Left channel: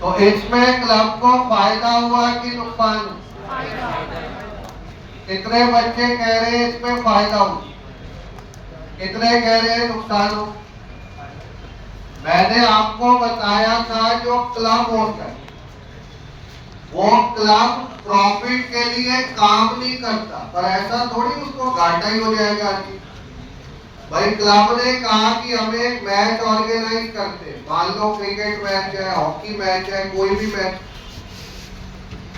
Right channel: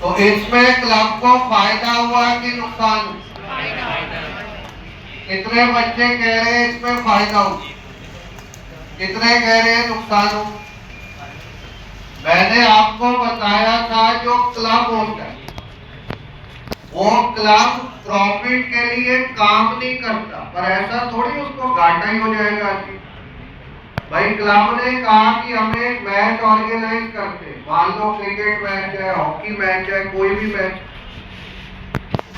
तो इसमें क्लब को फायदा हुआ कि नुकसान? कितने बच्चे कह रहे हैं इसमें फायदा हो, कितने कह रहे हैं नुकसान हो? मैंने आपको बताया था जो क्लब होता है वो क्लब प्रॉफिट के लिए काम नहीं करता, पर ऐसा थोड़ी उसको घाटा ही हो जाएगा। भाई क्लब ने कहा कि हम एक मैच ऑर्गेनाइज करते, मान लो क्रिकेट मैच है, हॉकी मैच है, कोई भी मैच,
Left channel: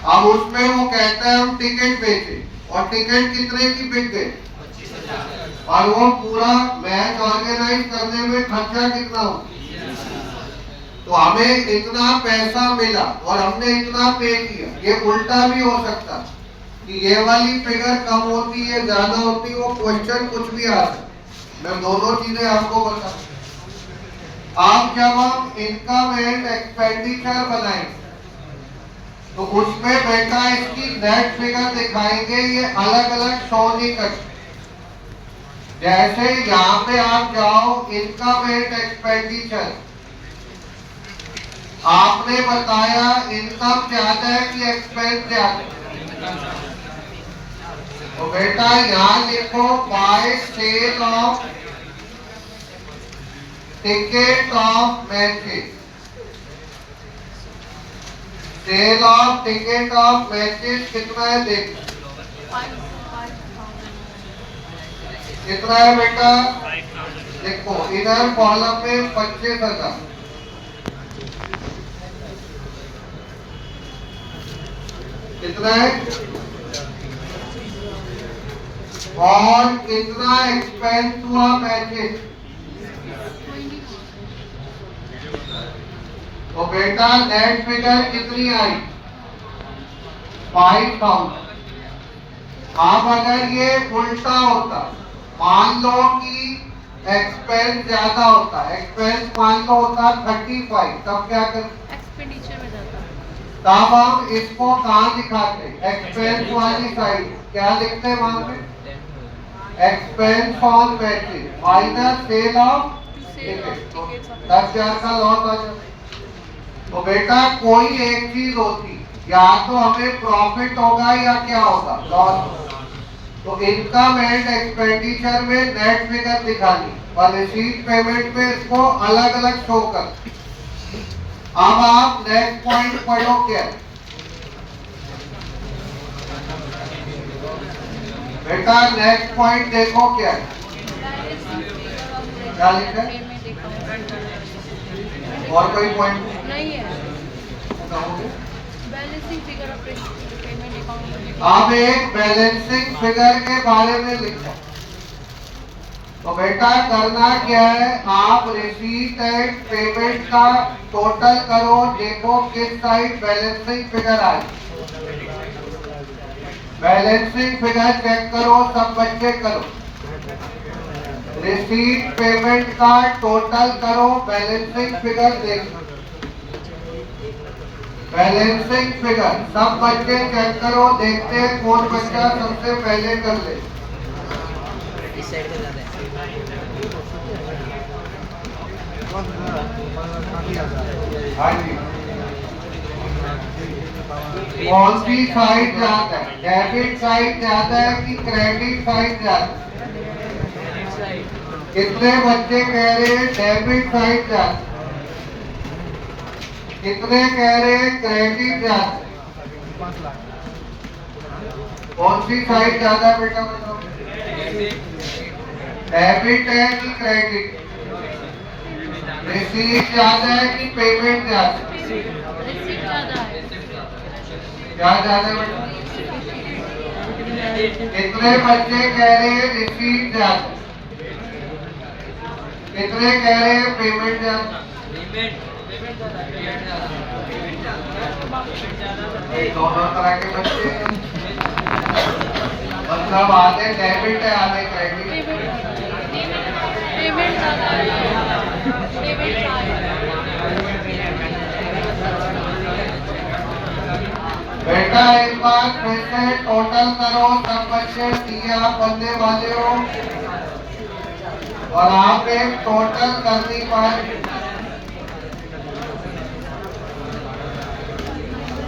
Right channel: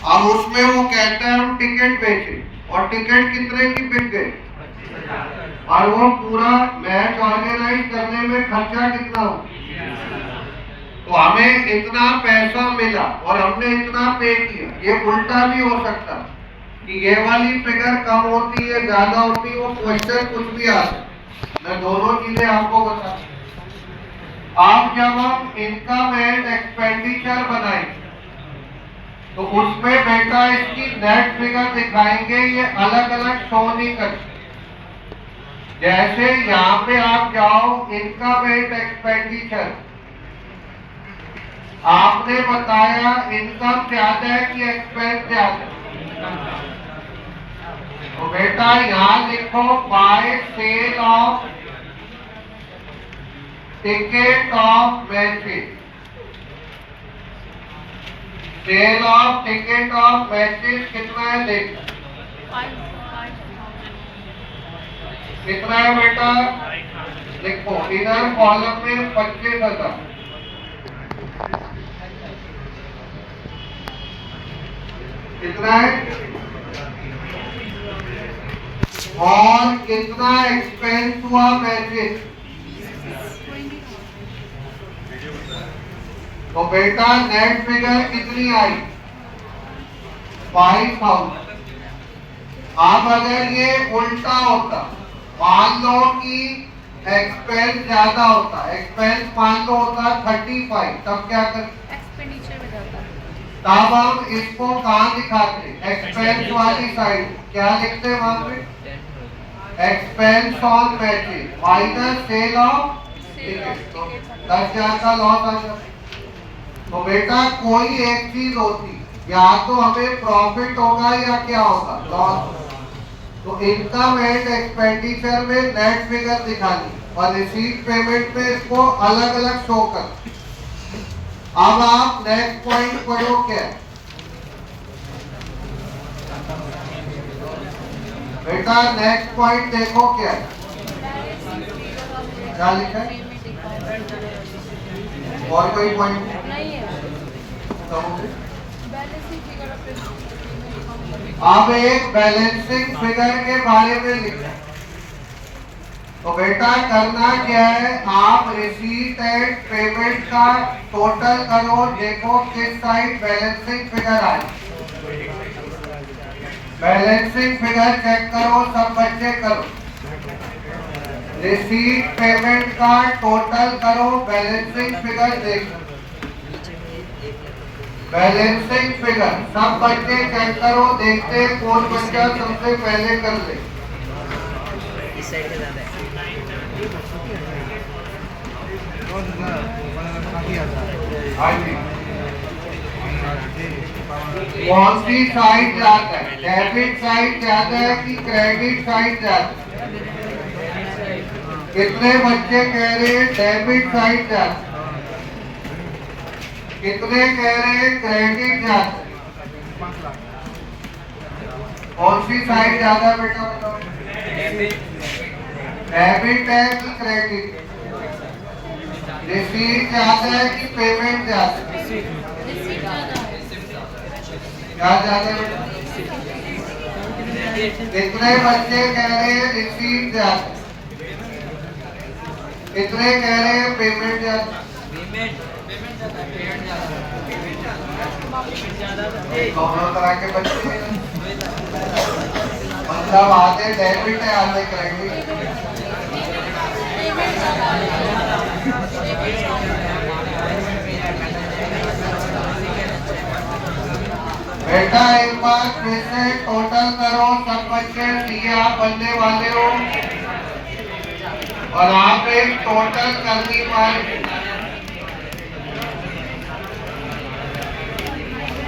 अब उसमें वो कहते हैं हम टिकट बेचे, और टिकट कितने की बिक गई, और वो पूरा मैच ऑर्गेनाइज करने में खर्चा कितना हो, तो हमें इतना पैसा मिला और हमने इतना पे किया। ये उल्टा भी हो सकता कि ये वाली फिगर कम होती है, ज्यादा होती है, वो क्वेश्चन कुछ भी आ सकता। मैं दोनों चीजें आपको बता। आप जब हम इनकम एंड एक्सपेंडिचर बनाएंगे तो उसमें बेटा इसकी नेट फिगर दिखाएंगे, ये अलग अलग शो नहीं करते। जैसे यहाँ पे आप जाओ इनकम एंड एक्सपेंडिचर, आपने बताया इनकम ज्यादा है कि एक्सपेंस ज्यादा? तो बेटा यहाँ लिखो by sale of ticket of matches, sale of ticket of matches कितना है देख, कितना है बेटा? देखो इधर कॉलम में 25,000, कितना है, और कितना एक्सपेंस हुआ मैचेस? तो बेटा नेट फिगर कितनी आई? 5,000। अब अगर ये उल्टा होता, मान लो कि एक्सपेंस ज्यादा होता, एक्सपेंस मान लो होता 35, तब क्या कर, तब हम इसको कहाँ दिखाते? एक्सपेंस वाली साइड क्या लिखते हैं वहां पे? Expense on matches minus cell of ticket, 10,000 का लॉस आ जाता। तो बेटा कोई एक चीज होती, या तो हमें प्रॉफिट होगा या क्या होगा, लॉस। तो इनकम एंड एक्सपेंडिचर में नेट फिगर दिखानी और रिसीट पेमेंट में इसको अलग अलग शो कर। अब आप नेक्स्ट पॉइंट पढ़ो क्या बेटा? नेक्स्ट पॉइंट देखो क्या है, क्या लिखा है? और कोई पॉइंट अब एक बैलेंसिंग फिगर के बारे में लिखा है। तो बेटा करना क्या है, आप रिसीट एंड पेमेंट का टोटल करो, देखो किस साइड बैलेंसिंग फिगर आए। बैलेंसिंग फिगर चेक करो, सब बच्चे करो। रिसीट पेमेंट का टोटल करो, बैलेंसिंग फिगर देखो। बैलेंसिंग फिगर सब बच्चे चेक करो, देखते हैं कौन बच्चा सबसे पहले कर ले। इस साइड पे ज्यादा है, कौन सी साइड ज्यादा है? डेबिट साइड ज्यादा है कि क्रेडिट साइड ज्यादा है? कितने बच्चे कह रहे हैं डेबिट साइड ज्यादा, कितने कह रहे हैं क्रेडिट ज्यादा? कौन सी साइड ज्यादा है बेटा बताओ? डेबिट है कि क्रेडिट? रिसीट ज्यादा है कि पेमेंट ज्यादा? क्या ज्यादा बेटा? कितने बच्चे कह रहे हैं रिसीट ज्यादा, कितने कह रहे हैं पेमेंट ज्यादा? दोनों तरह के बच्चे, मतलब आधे डेबिट है आधे क्रेडिट। बेटा एक बार फिर से टोटल करो, सब बच्चे दिए आप बनने वाले हो और आप एक टोटल करनी पाए।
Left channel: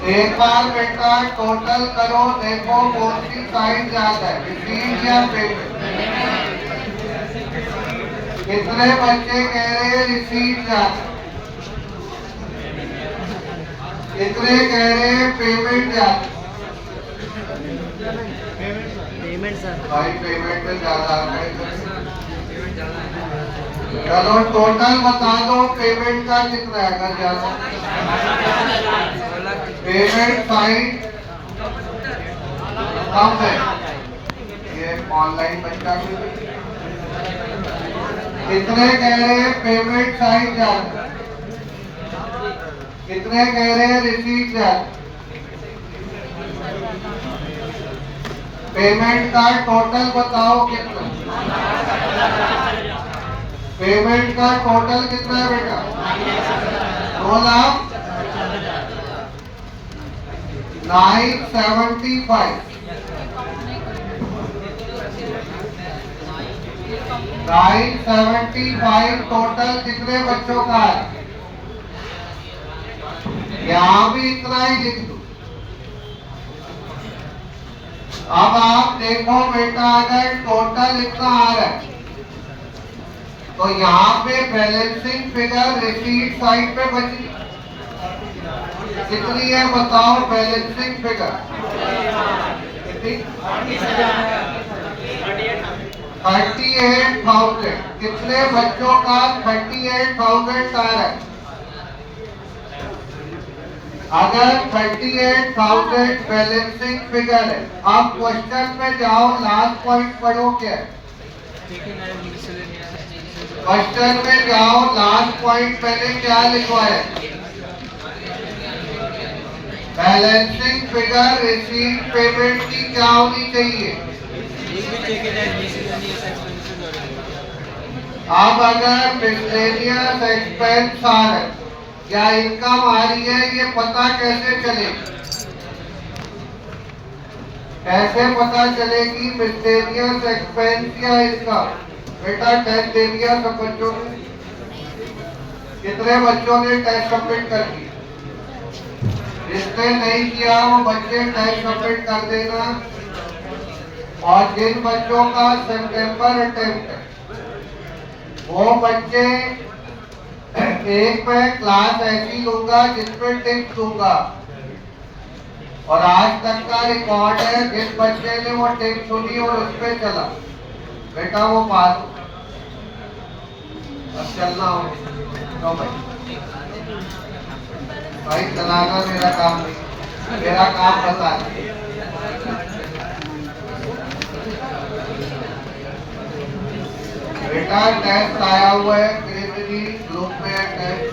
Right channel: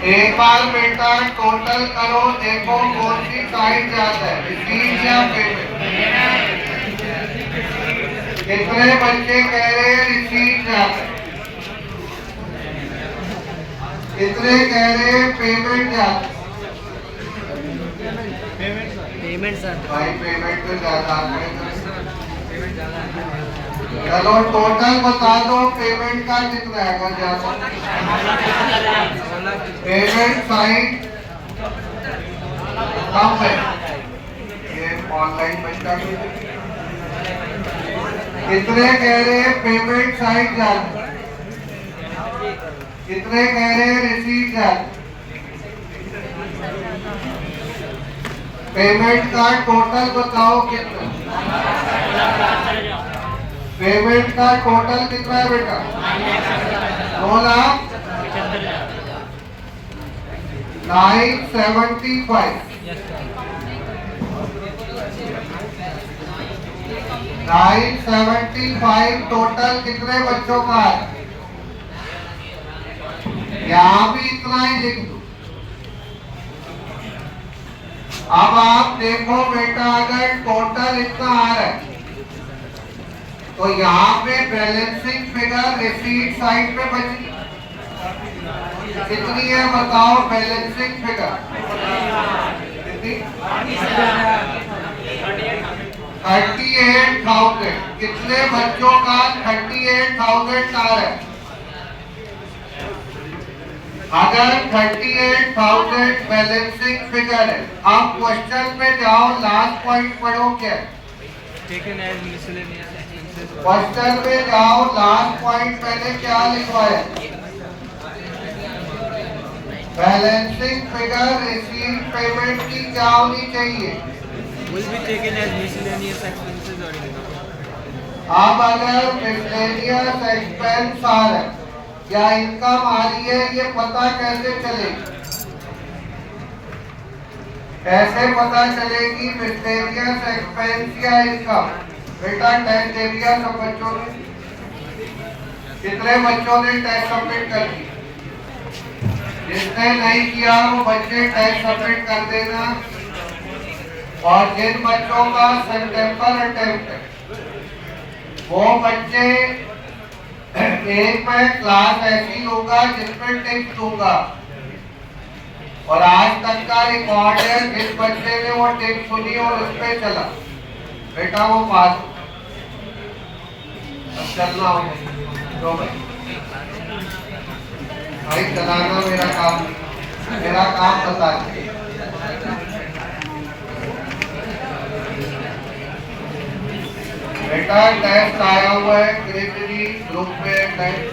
एक बार बेटा टोटल करो, देखो कौन सी साइड ज्यादा है, रिसीव या पेमेंट। कितने बच्चे कह रहे हैं रिसीव ज्यादा, कितने कह रहे हैं पेमेंट ज्यादा? पेमेंट सर, भाई पेमेंट में ज्यादा है। चलो टोटल बता दो पेमेंट का कितना है अगर ज्यादा। पेमेंट साइड कम है, ये ऑनलाइन बच्चा भी। कितने कह रहे हैं पेमेंट साइड ज्यादा, कितने कह रहे हैं रिसीव ज्यादा? पेमेंट का टोटल बताओ कितना, पेमेंट का टोटल कितना है बेटा? 2,975। 975 टोटल कितने बच्चों का है? यहाँ भी इतना ही लिख दो। अब आप देखो बेटा, अगर टोटल इतना आ रहा है तो यहाँ पे बैलेंसिंग फिगर रिसीट साइड पे बची कितनी है बताओ? Balancing figure 38,000। कितने बच्चों का 38,000 आ रहा है? अगर 38,000 बैलेंसिंग फिगर है, अब क्वेश्चन पे जाओ, लास्ट पॉइंट पढ़ो क्या है? क्वेश्चन पे जाओ, लास्ट पॉइंट पहले क्या लिखवाया? बैलेंसिंग फिगर रिसीव पेमेंट की क्या होनी चाहिए? अब अगर मिसलेनियस एक्सपेंस आ रहा है या इनकम आ रही है, ये पता कैसे चलेगी? कैसे पता चलेगी मिसलेनियस एक्सपेंस या इनकम? बेटा टेस्ट दे दिया सब बच्चों ने, कितने बच्चों ने टेस्ट सबमिट कर दी? जिसने नहीं किया वो बच्चे टेस्ट सबमिट कर देना। और जिन बच्चों का सितंबर अटेम्प्ट है वो बच्चे, एक मैं क्लास ऐसी लूंगा जिसमें टिप्स दूंगा और आज तक का रिकॉर्ड है, जिस बच्चे ने वो टिप्स सुनी और उस पे चला बेटा वो पास। चलना हो तो भाई चलाना मेरा काम नहीं, मेरा काम बता दे। बेटा टेस्ट आया हुआ है, ग्रुप में टेस्ट